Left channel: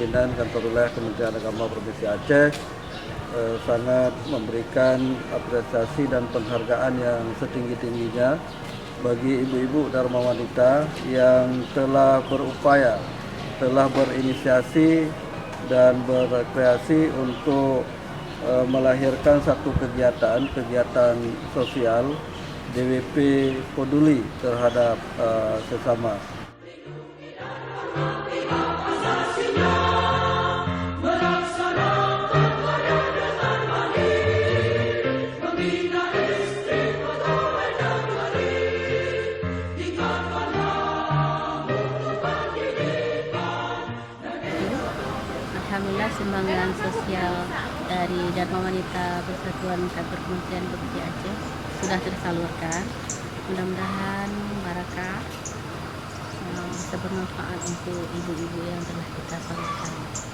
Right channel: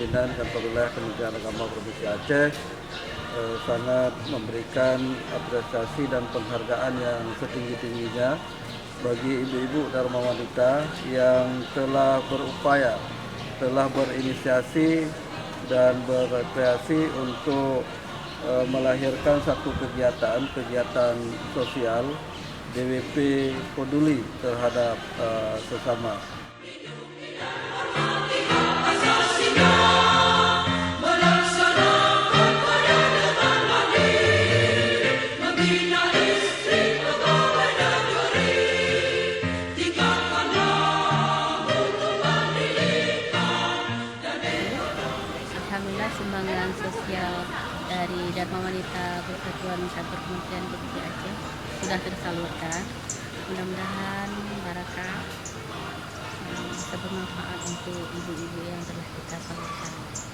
pimpinan Kantor Wilayah Kementerian Agama Provinsi Aceh sangat memberikan apresiasi dan penghargaan yang setinggi-tingginya bagi ibu-ibu Dharma Wanita yang telah berupaya, telah berinisiasi dan berkreasi untuk melahirkan satu kegiatan sosial DWP peduli terhadap sesama. Alhamdulillah sumbangan sosial dari Dharma Wanita Persatuan Kantor Kementerian Provinsi Aceh sudah tersalurkan. Mudah-mudahan barakah bisa bermanfaat untuk ibu-ibu yang telah kita salurkan.